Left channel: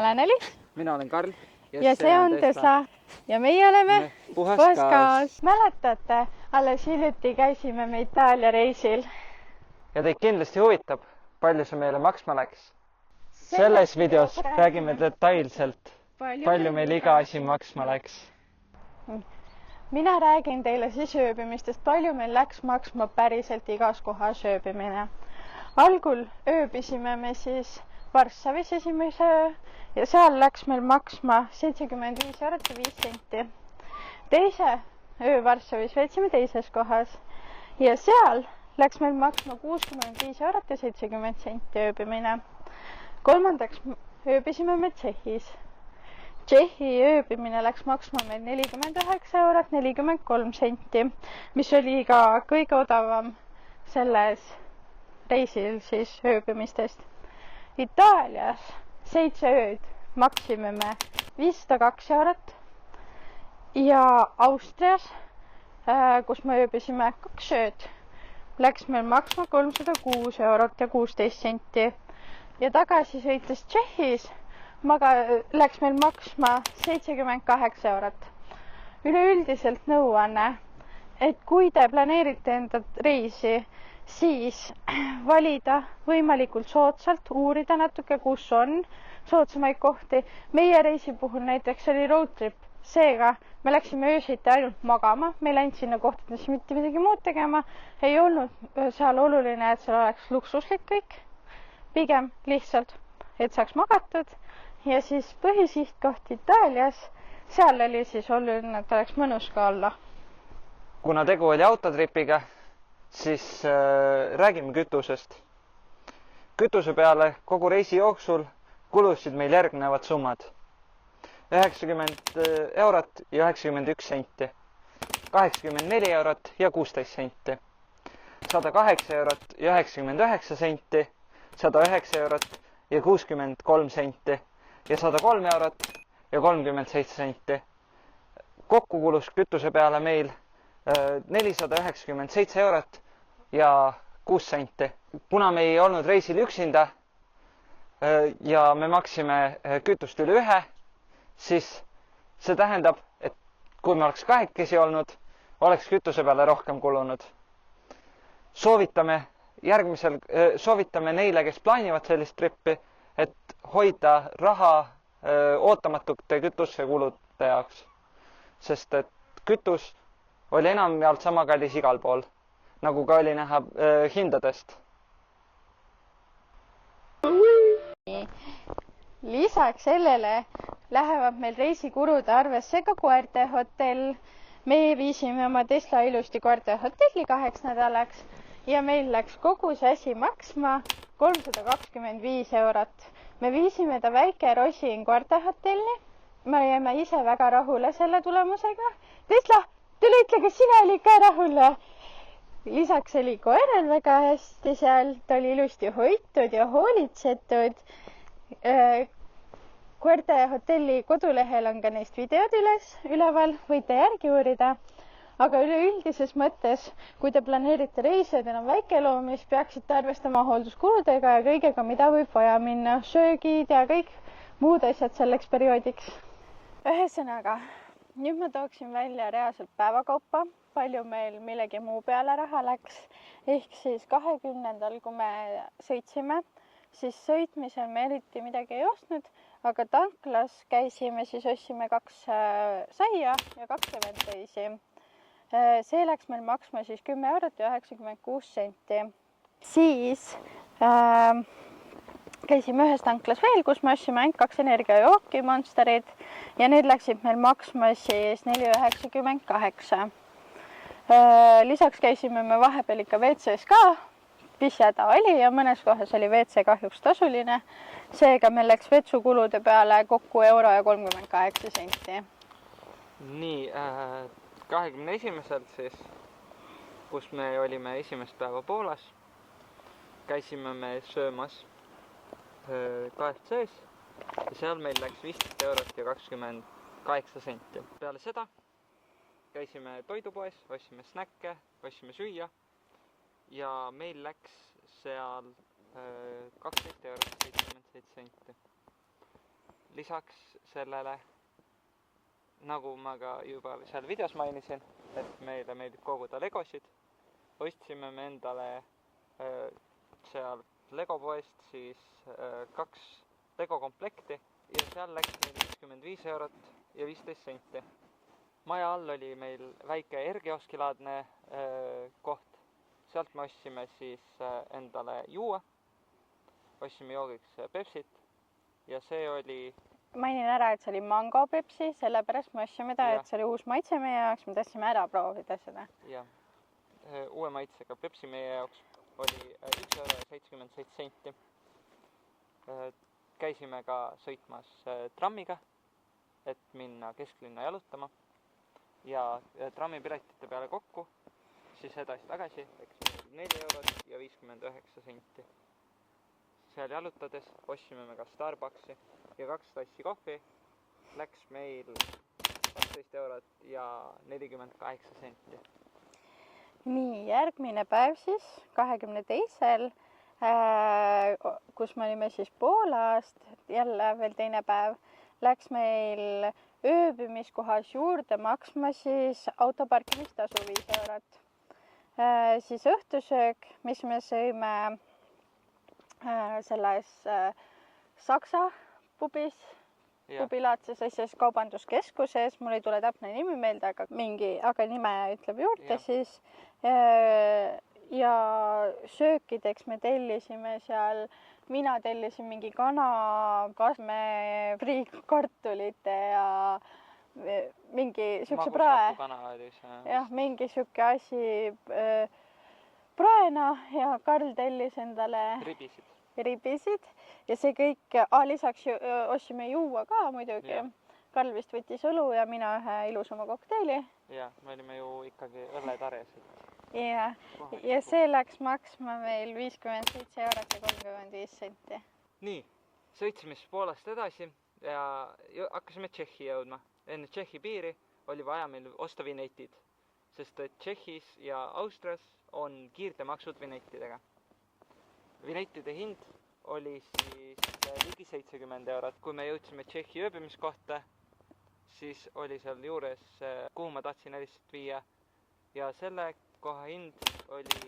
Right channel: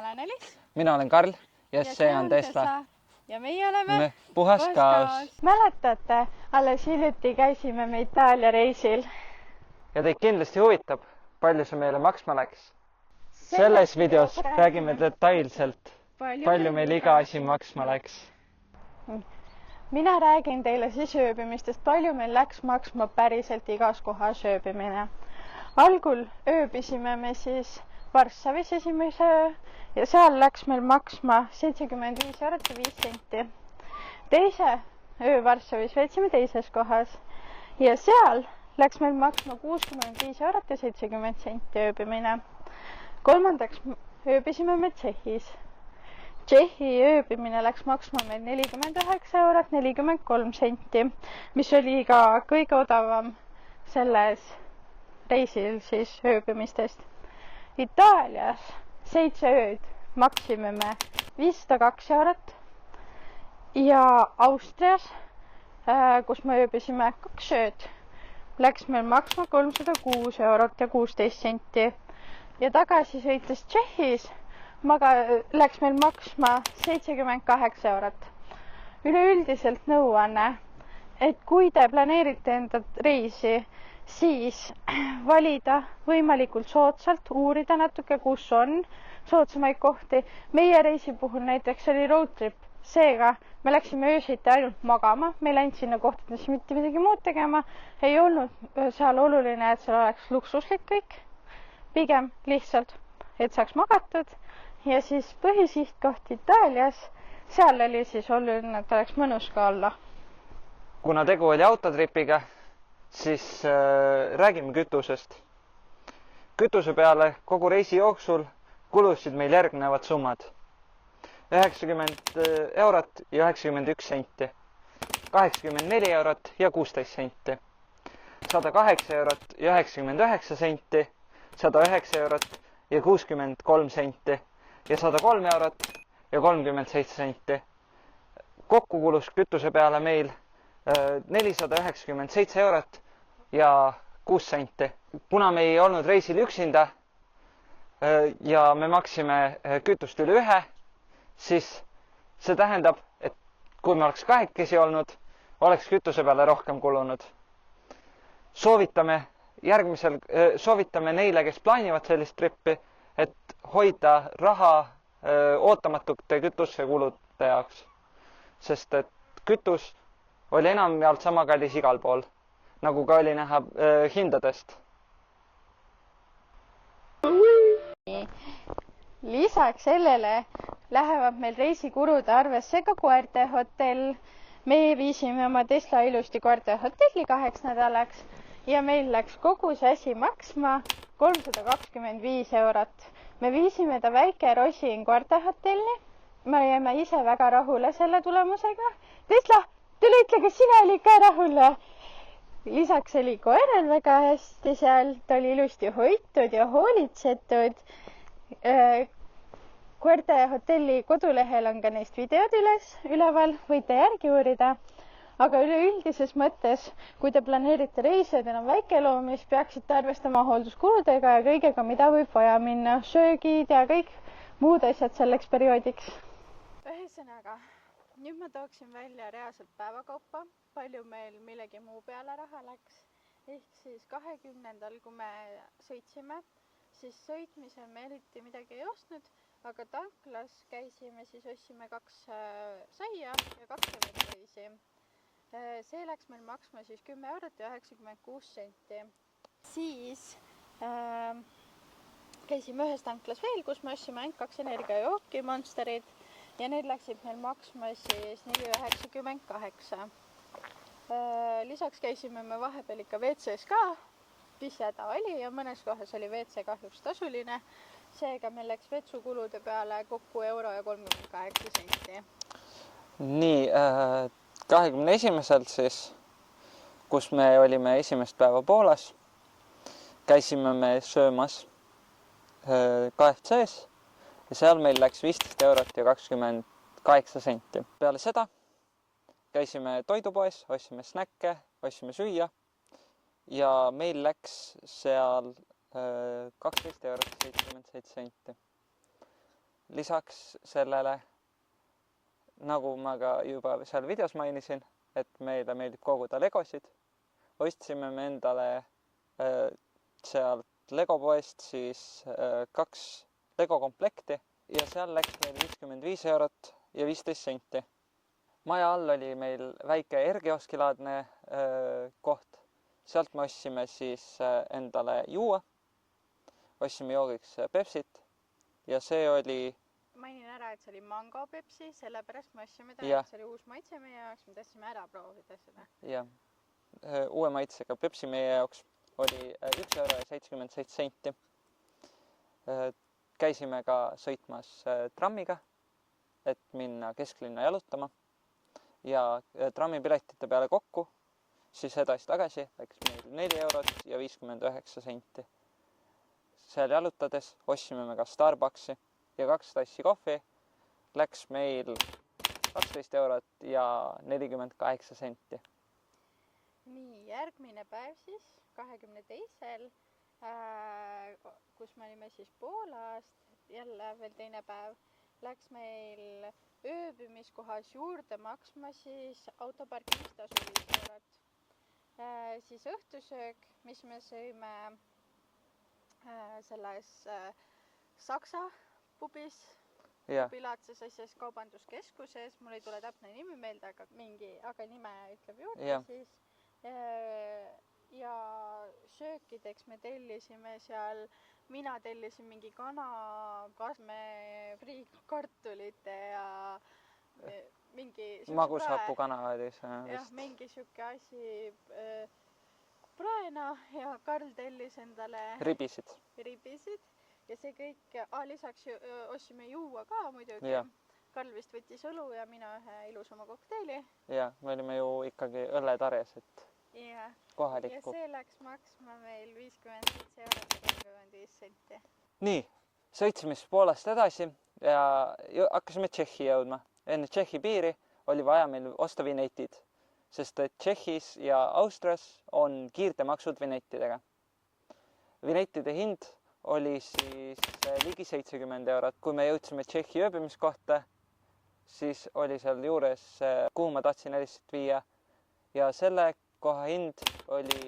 olen Elis. Mina olen Karl. Ja see on Tessa. Ja meie oleme Puhaskaos. Mäletate, alles hiljuti käisime me Itaalia reisil. Ja teid kindlasti huvitab, palju see meile maksma läks. Selles videos räägime detailselt, palju meil iga asi maksma läks. Mina räägin teile siis ööbimistest, palju meil läks maksma päriselt igas kohas ööbimine. Algul ööbisime me siis Varssavis esimese öö ja seal läks meil maksma 75 eurot ja 5 senti. Teise öö Varssavis veetsime teises kohas ja seal läks meil maksma 65 eurot ja 70 senti ööbimine. Kolmandaks ööbisime me Tšehhis. Tšehhi ööbimine läks maksma meil 49 eurot 43 senti, mis oli ka kõige odavam selles reisil siis ööbimistest. Itaalias 7 ööd maksime me 502 eurot ja Austrias, kus me ööbisime 2 ööd, läks meil maksma 306 eurot ja 16 senti ja tagasi sõites Tšehhis läks meil maksma 78 eurot. Üleüldiselt nõuanne, et kui te planeerite enda reisi, siis valida võimalikult soodsalt, uurida natuke, kus on soodsamaid kohti. Meie reisi puhul näiteks oli road trip, seega me läksime öösiti ainult magama, me ei läinud sinna kohtadesse mitte midagi muud tegema, ei olnud seal oluline, et seal oleks luksuslik kõik, pigem lihtsalt, et saaks magatud ja siis põhisihtkoht Itaalias, seal oli siis oluline, et oleks mõnus ka olla. Kuna tegu oli autotripiga, siis räägime kütusest. Kütuse peale kogu reisi jooksul kulusid meil järgnevad summad. 90 eurot ja 91 senti, 84 eurot ja 16 senti, 108 eurot ja 99 senti, 109 eurot ja 63 senti ja 103 eurot ja 37 senti. Kokku kulus kütuse peale meil 497 eurot ja 6 senti. Kuna me ei olnud reisil üksinda ja me maksime kütust üle ühe, siis see tähendab, et kui me oleks kahekesi olnud, oleks kütuse peale rohkem kulunud. Soovitame neile, kes plaanivad sellist trippi, et hoida raha ootamatute kütusekulude jaoks, sest et kütus oli enamjaolt sama kallis igal pool, nagu ka oli näha hindadest. Lisaks sellele lähevad meil reisikulude arvesse ka koerte hotell. Meie viisime oma Tesla ilusti koerte hotelli 2 nädalaks ja meil läks kogu see asi maksma 325 eurot. Me viisime ta väike Rosin koerte hotelli. Me jäime ise väga rahule selle tulemusega. Tesla, tule ütle, kas sina oli ka rahule? Lisaks oli koeral väga hästi seal, ta oli ilusti hoitud ja hoolitsetud. Koerte hotelli kodulehel on ka neist videod üleval, võite järgi uurida. Aga üleüldises mõttes, kui te planeerite reisi ja teil on väikeloomi, siis peaksite arvestama hoolduskuludega ja kõigega, mida võib vaja minna, söögid ja kõik muud asjad selleks perioodiks. Ühesõnaga, nüüd ma tooksin välja reaalselt päevakaupa, palju meil millegi muu peale raha läks. Ehk siis 20. kui me sõitsime, siis sõitmisel me eriti midagi ei ostnud, aga tanklas käisime, siis ostsime 2 saia ja 2 lemonteisi. See läks meil maksma siis 10 eurot ja 96 senti. Siis käisime ühes tanklas veel, kus me ostsime ainult 2 energiajooki Monsterid ja need läksid meil maksma siis 4,98. Lisaks käisime me vahepeal ikka WC-s ka, pishjäda oli ja mõnes kohas oli WC kahjuks tasuline. Seega meil läks vetsukulude peale kokku euro ja 38 senti. Nii, 21. siis, kus me olime esimest päeva Poolas, käisime me söömas KFC-s ja seal meil läks 15 eurot ja 28 senti. Peale seda käisime toidupoes, ostsime snäkke, ostsime süüa ja meil läks seal 12 eurot 77 senti. lisaks sellele, nagu ma ka juba seal videos mainisin, et meile meeldib koguda legosid, ostsime me endale sealt Legopoest siis 2 Lego komplekti ja seal läks meil 55 eurot ja 15 senti. Maja all oli meil väike R-kioskilaadne koht. Sealt me ostsime siis endale juua, ostsime joogiks Pepsit ja see oli... Mainin ära, et see oli mango Pepsi, sellepärast me ostsime ta, et see oli uus maitse meie jaoks, me tahtsime ära proovida seda. Jah, uue maitsega Pepsi meie jaoks oli 1 euro ja 77 senti. Käisime ka sõitmas trammiga, et minna kesklinna jalutama ja trammipiletite peale kokku, siis edasi-tagasi läks meil 4 eurot ja 59 senti. Seal jalutades ostsime me ka Starbucksi ja 2 tassi kohvi läks meil 12 eurot ja 48 senti. Nii, järgmine päev siis, 22. Kus me olime siis Poolast, jälle veel teine päev, läks meil ööbimiskohas juurde maksma siis autoparkimistasu 5 eurot. Siis õhtusöök, mis me sõime selles Saksa pubis, pubilaadses asjas kaubanduskeskuses, mul ei tule täpne nimi meelde, aga nime ütleb juurde siis. Ja söökideks me tellisime seal, mina tellisin mingi kana, kasme, friikartulite ja mingi siukse prae. Jah, mingi siuke asi praena ja Karl tellis endale ribisid ja see kõik, lisaks ostsime juua ka muidugi. Ja. Karl vist võttis õlu ja mina ühe ilusama kokteili. Ja, me olime ju ikkagi õlletarjas, et ja see läks maksma meil 57 eurot ja 35 senti. Nii, sõitsime siis Poolast edasi ja hakkasime Tšehhi jõudma. Enne Tšehhi piiri oli vaja meil osta vinetid, sest et Tšehhis ja Austrias on kiirtemaksud vinettidega. Vinettide hind oli siis ligi 70 eurot. Kui me jõudsime Tšehhi ööbimiskohta, siis oli seal juures, kuhu ma tahtsin lihtsalt viia ja selle koha hind oli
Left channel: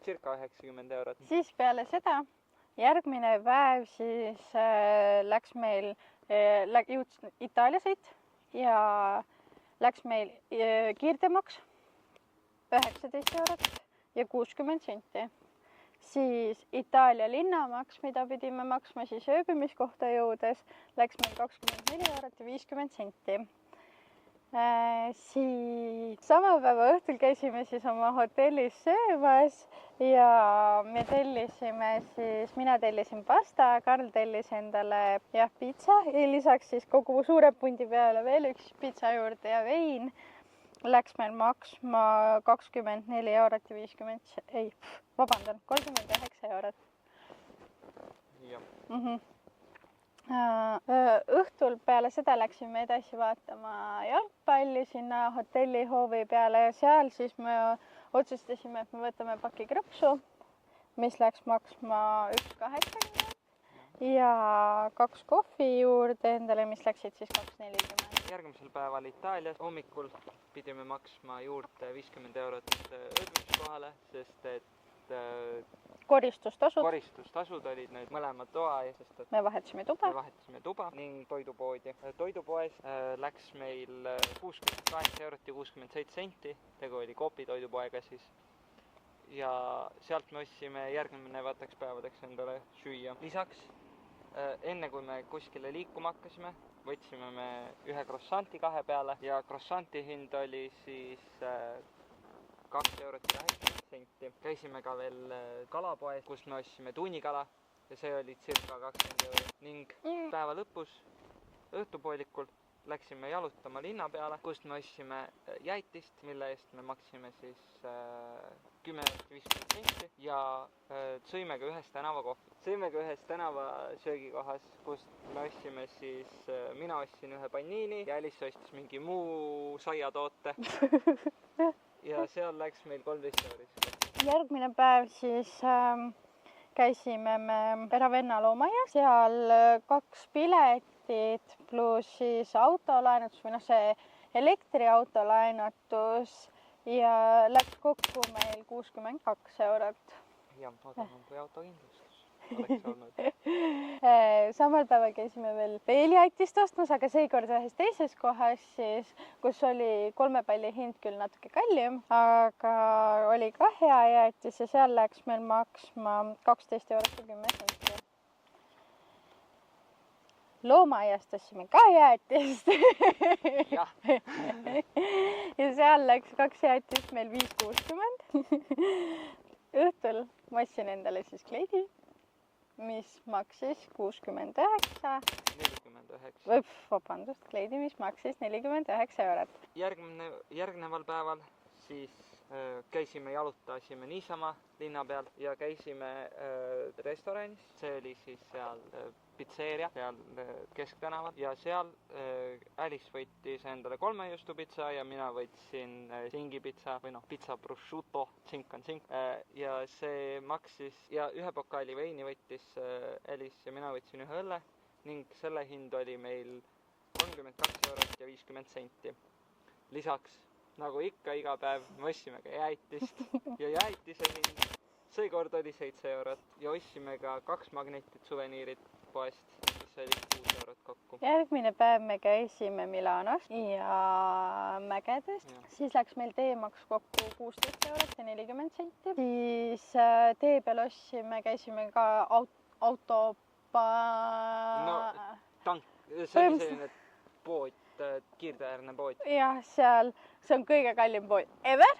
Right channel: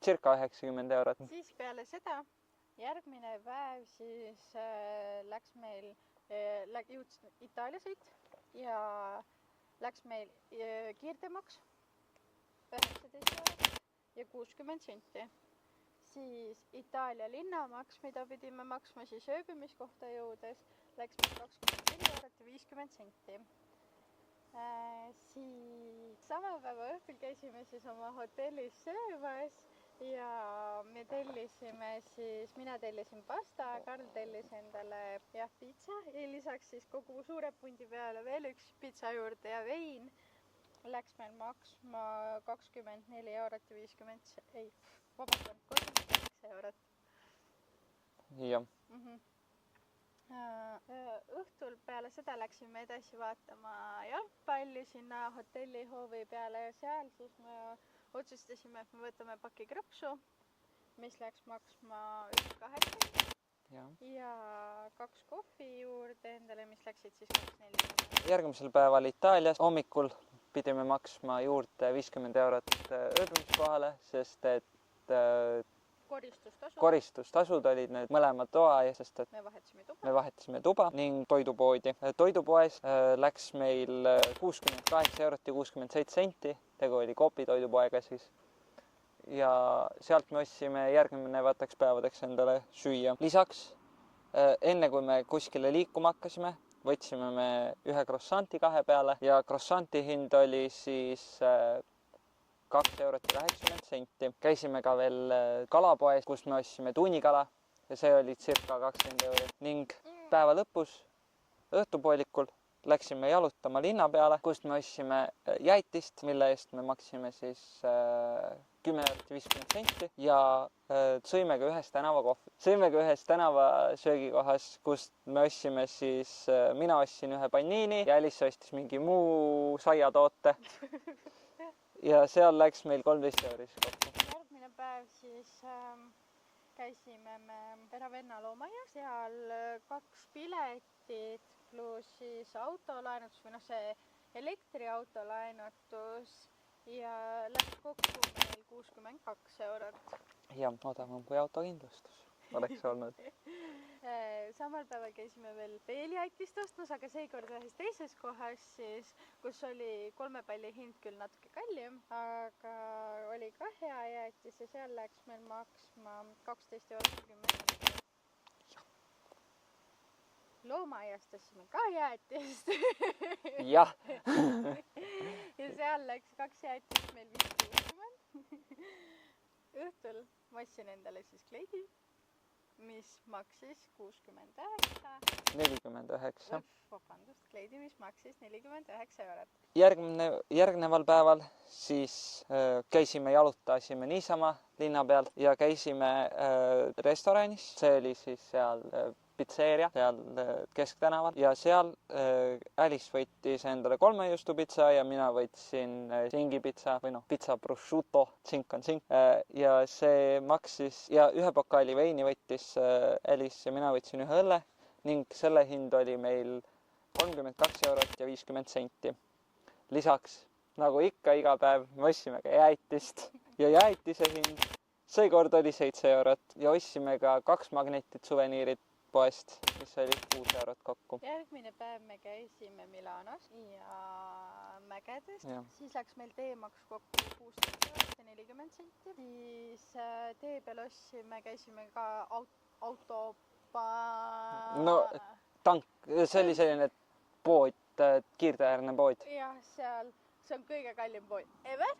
circa 90 eurot. Siis peale seda järgmine päev siis läks meil Itaalia sõit ja läks meil kiirtemaks 19 eurot ja 60 senti. Siis Itaalia linnamaks, mida pidime maksma siis ööbimiskohta jõudes, läks meil 24 eurot ja 50 senti. Siis sama päeva õhtul käisime siis oma hotellis söömas ja me tellisime siis, mina tellisin pasta, Karl tellis endale pitsa ja lisaks siis kogu suure pundi peale veel üks pitsa juurde ja vein läks meil maksma 24 eurot ja 39 eurot. Jah. Õhtul peale seda läksime edasi vaatama jalgpalli sinna hotellihoovi peale ja seal siis me otsustasime, et me võtame paki krõpsu, mis läks maksma 1,80 ja 2 kohvi juurde endale, mis läksid siis 2,40. Järgmisel päeval Itaalias hommikul pidime maksma juurde 50 eurot ööbimiskohale, sest et koristustasud olid need mõlema toa ja sest et me vahetasime tuba ning toidupoodi. Toidupoes läks meil 68 eurot ja 67 senti, tegu oli Coopi toidupoega siis. Ja sealt me ostsime järgnevateks päevadeks endale süüa. Lisaks, enne kui me kuskile liikuma hakkasime, võtsime me ühe croissanti 2 peale ja croissanti hind oli siis 2 eurot ja 80 senti. Käisime ka veel kalapoes, kus me ostsime tunnikala ja see oli circa 20 eurot ning päeva lõpus õhtupoolikul läksime jalutama linna peale, kust me ostsime jäätist, mille eest me maksime siis 10 eurot 50 senti ja sõime ka ühes tänavakohvi. Sõime ka ühes tänavasöögikohas, kust me ostsime siis, mina ostsin ühe panniini ja Alice ostis mingi muu saiatoote. Ja seal läks meil 13 euris. Järgmine päev siis käisime me Ravenna loomaaias, seal 2 pilet piletid pluss siis autolaenutus või noh, see elektriauto laenutus ja läks kokku meil 62 eurot. Ja odavam kui autokindlustus oleks olnud. Samal päeval käisime veel jäätist ostmas, aga seekord ühes teises kohas siis, kus oli 3 palli hind küll natuke kallim, aga oli ka hea jäätis ja seal läks meil maksma 12 eurot ja 10 senti. Loomaaiast ostsime ka jäätist. Jah. Ja seal läks 2 jäätist meil 5,60. Õhtul ma ostsin endale siis kleidi, mis maksis 69. 49. Vabandust, kleidi, mis maksis 49 eurot. Järgneval päeval siis käisime, jalutasime niisama linna peal ja käisime restoranis. See oli siis seal pitseeria, seal Kesktänaval ja seal Alice võttis endale 3 juustupitsa ja mina võtsin singipitsa või noh, pitsa prosciutto, tsink on tsink. Ja see maksis ja 1 pokaali veini võttis Alice ja mina võtsin 1 õlle ning selle hind oli meil 32 eurot ja 50 senti. Lisaks, nagu ikka iga päev, me ostsime ka jäätist ja jäätise hind seekord oli 7 eurot ja ostsime ka 2 magnetit suveniirid poest, mis oli 6 eurot kokku. Järgmine päev me käisime Milanos ja Mägedes. Siis läks meil teemaks kokku 16 eurot ja 40 senti. Siis tee peal ostsime, käisime ka No tank, see oli selline pood, kiirteäärne pood. Jah, seal, see on kõige kallim pood ever.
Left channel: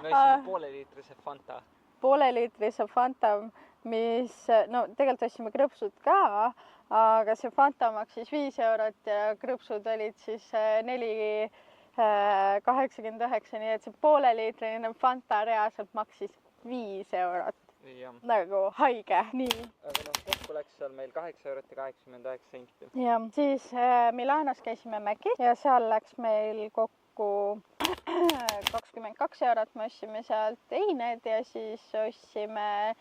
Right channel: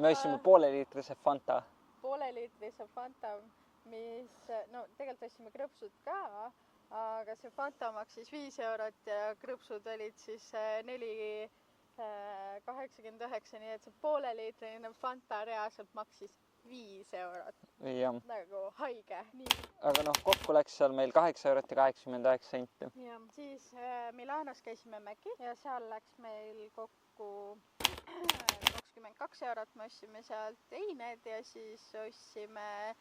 Me ostsime pooleliitrise Fanta. Pooleliitrise Fanta, mis, no tegelikult ostsime krõpsud ka, aga see Fanta maksis 5 eurot ja krõpsud olid siis 4,89, nii et see pooleliitrine Fanta reaalselt maksis 5 eurot. Ja. Nagu haige, nii. Aga noh, kokku läks seal meil 8 eurot ja 89 senti. Ja siis Milanos käisime Mäkis ja seal läks meil kokku 22 eurot, me ostsime sealt eined ja siis ostsime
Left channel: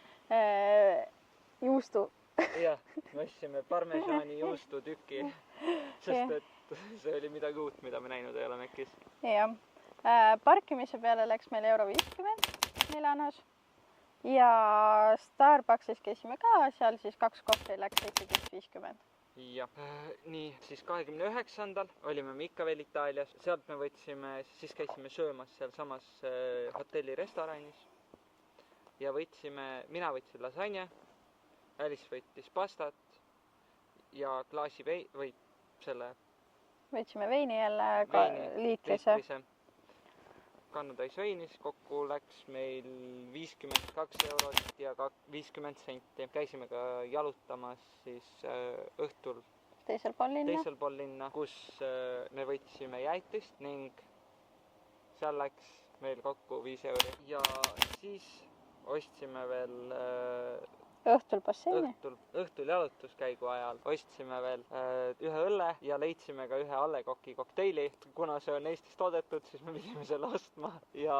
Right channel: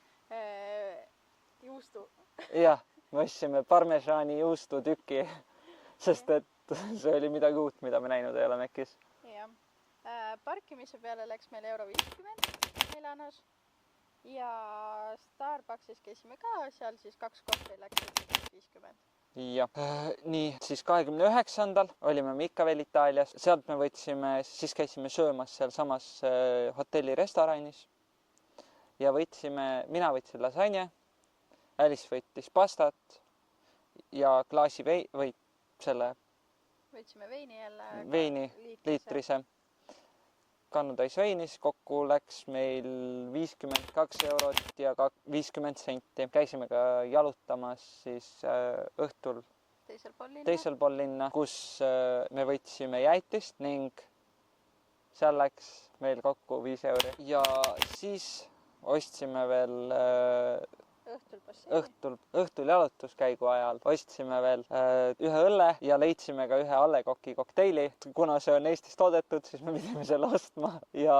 juustu. Jah, me ostsime parmesaani juustutüki, sest et see oli midagi uut, mida me näinud ei ole Mäkis. Jah, parkimise peale läks meil €50 Milanos ja Starbucksis käisime ka, seal siis 2 kohvi läks 50. Jah, nii, siis 29. olime me ikka veel Itaalias, sealt me võtsime, siis käisime söömas seal samas hotelli restoranis ja mina võtsin lasagne, Alice võttis pastat ja klaasi võtsime veini jälle liitrise. Kannutäis veinis, kokku läks meil 52 eurot ja 50 senti. Käisime ka jalutamas siis õhtul teisel pool linna, kus me võtsime jäätist ning seal läks meil kokku 5 euri. Ja siis ostsime veel õhtul jalutuskäigu ajal ostsime veel 1 õlle ja leidsime ka 1 A. Le Coq'i kokteili. Kuna see on Eestis toodetud, siis me pidime selle ostma ja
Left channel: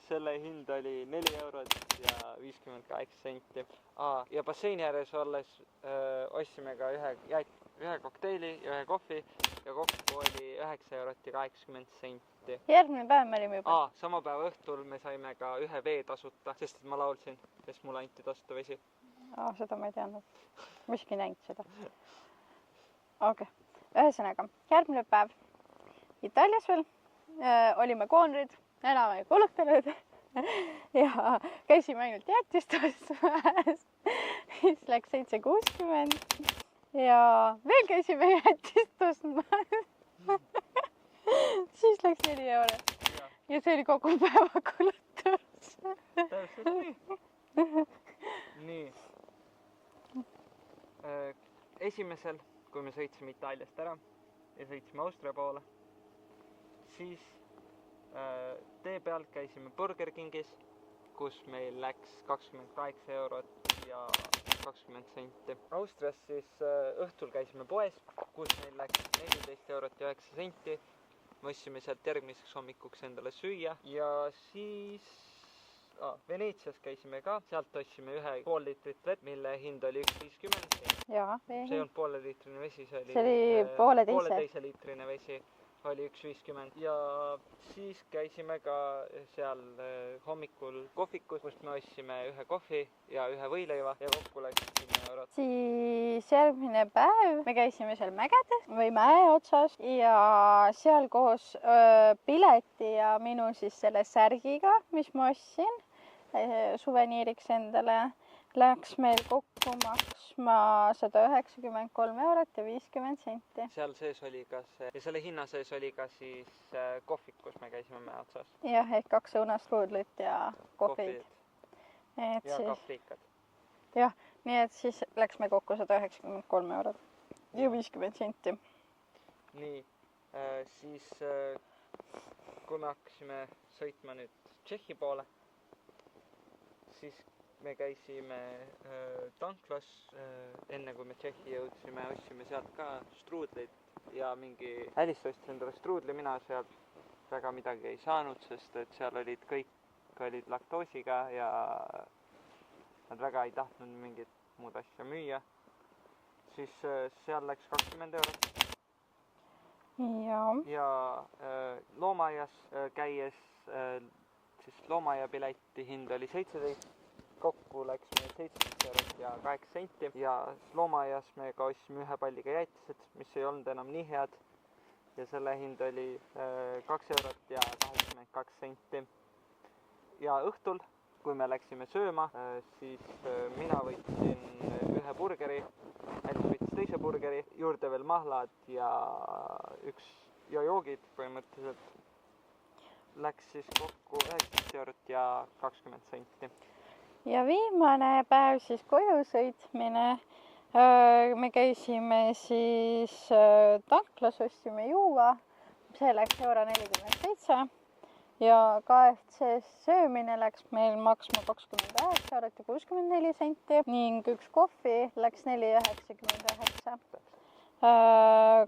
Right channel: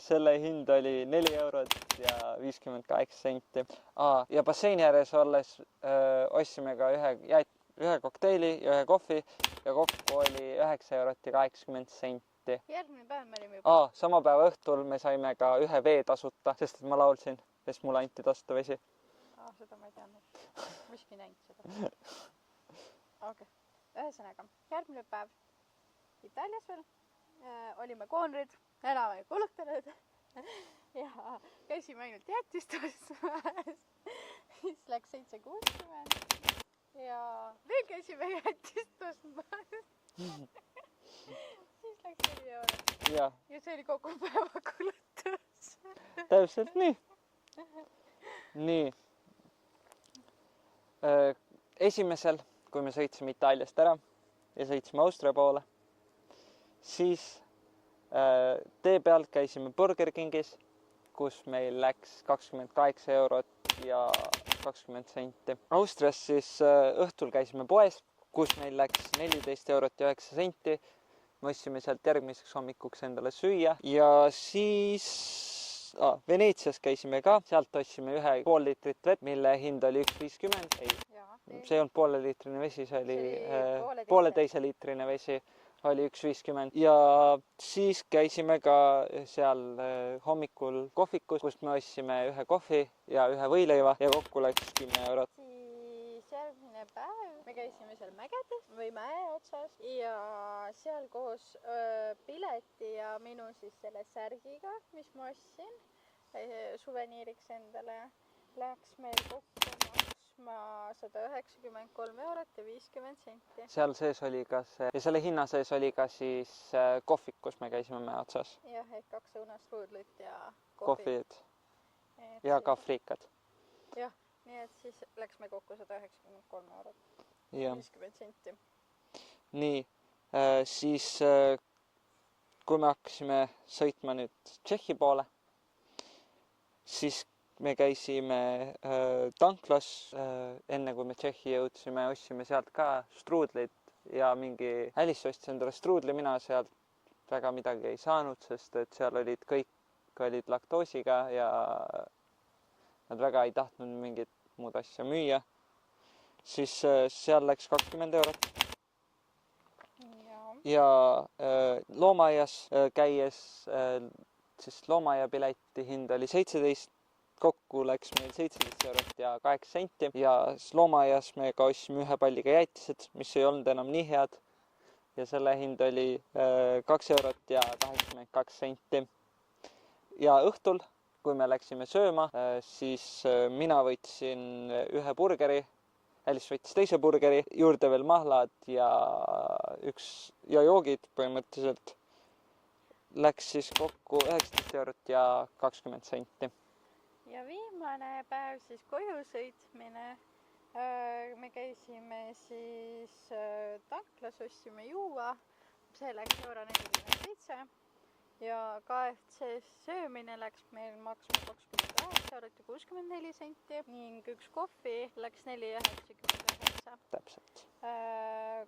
selle hind oli 4 eurot ja 58 senti. Ja basseini ääres olles ostsime ka 1 kokteili ja 1 kohvi ja kokku oli 9 eurot ja 80 senti. Järgmine päev me olime juba. Sama päeva õhtul me saime ka 1 vee tasuta, sest ma laulsin, sest mulle anti tasuta vesi. Seda ma ei teadnud. Miski näinud seda. Okay. Ühesõnaga, järgmine päev Itaalias veel olime koonrid, enam ei kulutanud ja käisime ainult jäätist ostmas. Siis läks 7,60 ja veel käisime jäätist ostmas. Siis läks 4 eurot. Ja see oli kogu päeva kulutus. Täpselt nii. Nii. Esimesel, kui me sõitsime Itaaliast ära ja sõitsime Austria poole, siis tee pealt käisime Burger Kingis, kus meil läks 28 eurot ja 20 senti. Austrias siis õhtul käisime poes, kus meil läks 14 eurot ja 9 senti. Me ostsime sealt järgmiseks hommikuks endale süüa ja siis Veneetsias käisime ka, sealt ostsime 1,5 liitrit vett, mille hind oli 1,50. Jaa. See ei olnud pooleliitrine vesi, see oli pooleteise. pooleteise liitrine vesi. Oli 1,50 ja siis käisime ka seal hommikul kohvikus, kust me ostsime 1 kohvi ja 1 võileiva ja kokku läks 10 eurot. Siis järgmine päev me käisime seal mägedes või mäe otsas ja seal koos pileti ja minu siis selle särgiga, mis ma ostsin suveniiriks endale, läks meil kokku maksma 193 eurot ja 50 senti. Seal sees oli ka see, ja selle hinna sees oli ka siis kohvik, kus me käisime mäe otsas. Jah, ehk 2 õunastruudlit ja kohvid. Ja ka friikad. Jah, nii et siis läks meil kokku 193 eurot ja 50 senti. Nii, siis kui me hakkasime sõitma nüüd Tšehhi poole, siis me käisime tanklas, enne kui me Tšehhi jõudsime, ostsime sealt ka struudleid ja mingi Alice ostis endale struudli, mina sealt väga midagi ei saanud, sest et seal olid kõik olid laktoosiga ja nad väga ei tahtnud mingit muud asja müüa. Siis seal läks 20 eurot. Ja loomaaias käies, siis loomaaia pileti hind oli 17. Kokku läks meil 17 eurot ja 8 senti ja loomaaias me ka ostsime 1 palliga jäätised, mis ei olnud enam nii head. Ja selle hind oli 2 eurot ja 82 senti. Ja õhtul, kui me läksime sööma, siis mina võtsin 1 burgeri, Alice võttis teise burgeri, juurde veel mahlad ja joogid põhimõtteliselt. Läks siis kokku 19 eurot ja 20 senti. Ja viimane päev siis koju sõitmine. Me käisime siis tanklas, ostsime juua. See läks €1,47 ja KFC söömine läks meil maksma 29 eurot ja 64 senti ning 1 kohvi läks 4,99. Täpselt.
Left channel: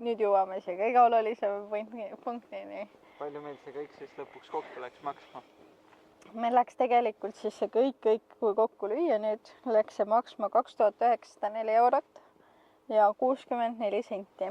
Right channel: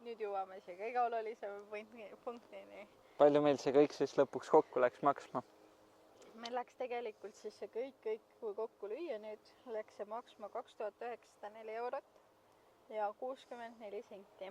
Nüüd jõuame siia kõige olulisema punktini. Palju meil see kõik siis lõpuks kokku läks maksma? Meil läks tegelikult siis see kõik, kui kokku lüüa nüüd, läks see maksma 2904 eurot ja 64 senti.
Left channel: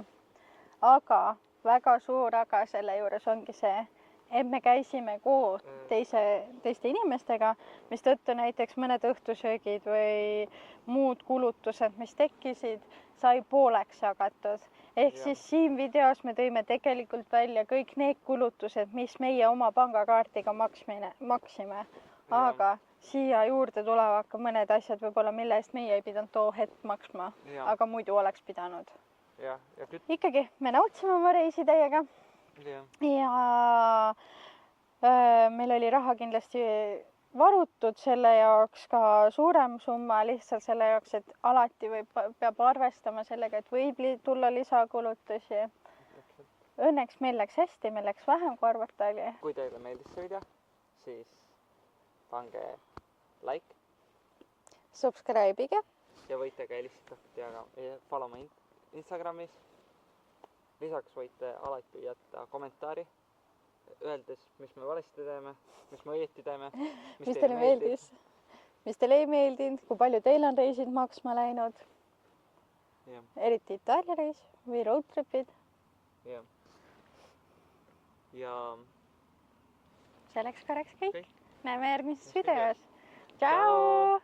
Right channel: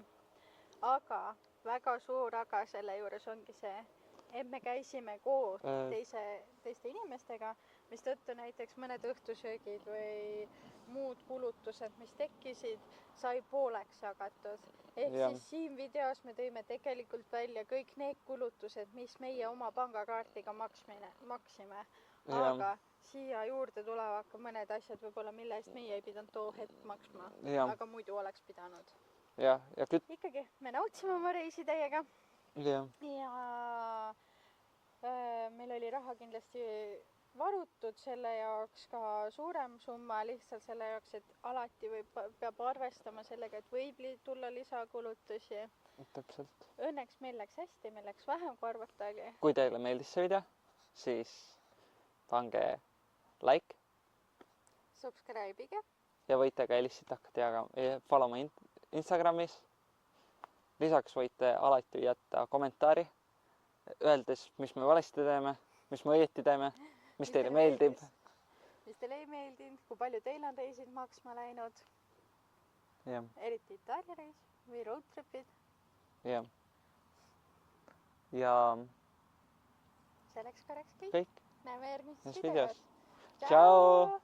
Aga väga suur aga selle juures ongi see, et me käisime koos teiste inimestega, mis tõttu näiteks mõned õhtusöögid või muud kulutused, mis tekkisid, sai pooleks jagatud. Ehk siis siin videos me tõime tegelikult välja kõik need kulutused, mis meie oma pangakaardiga maksime. Aga siia juurde tulevad ka mõned asjad võib-olla, mille eest meie ei pidanud too hetk maksma, aga muidu oleks pidanud. Ikkagi me nautsime oma reisi teiega. Ja meil oli raha kindlasti varutud selle jaoks ka suurem summa lihtsalt selle jaoks, et alati peab arvestama sellega, et võib tulla lisakulutusi. Täpselt. Õnneks meil läks hästi, meil läks vähem kui arvata oli. Kui teile meeldis see video, siis pange like. Subscribe'ige. Ja võite ka Alice'it hakata follow ma Instagramis. Lisaks võite alati jätta kommentaari, öeldes, mis me valesti teeme, mis me õieti teeme, mis teile meeldib. Mis teile ei meeldinud, kui palju teil on reisid maksma läinud. Eriti Itaalia reis või roadtripid. Ja selleks korraks kõik. Näeme järgmises videos. Tšau!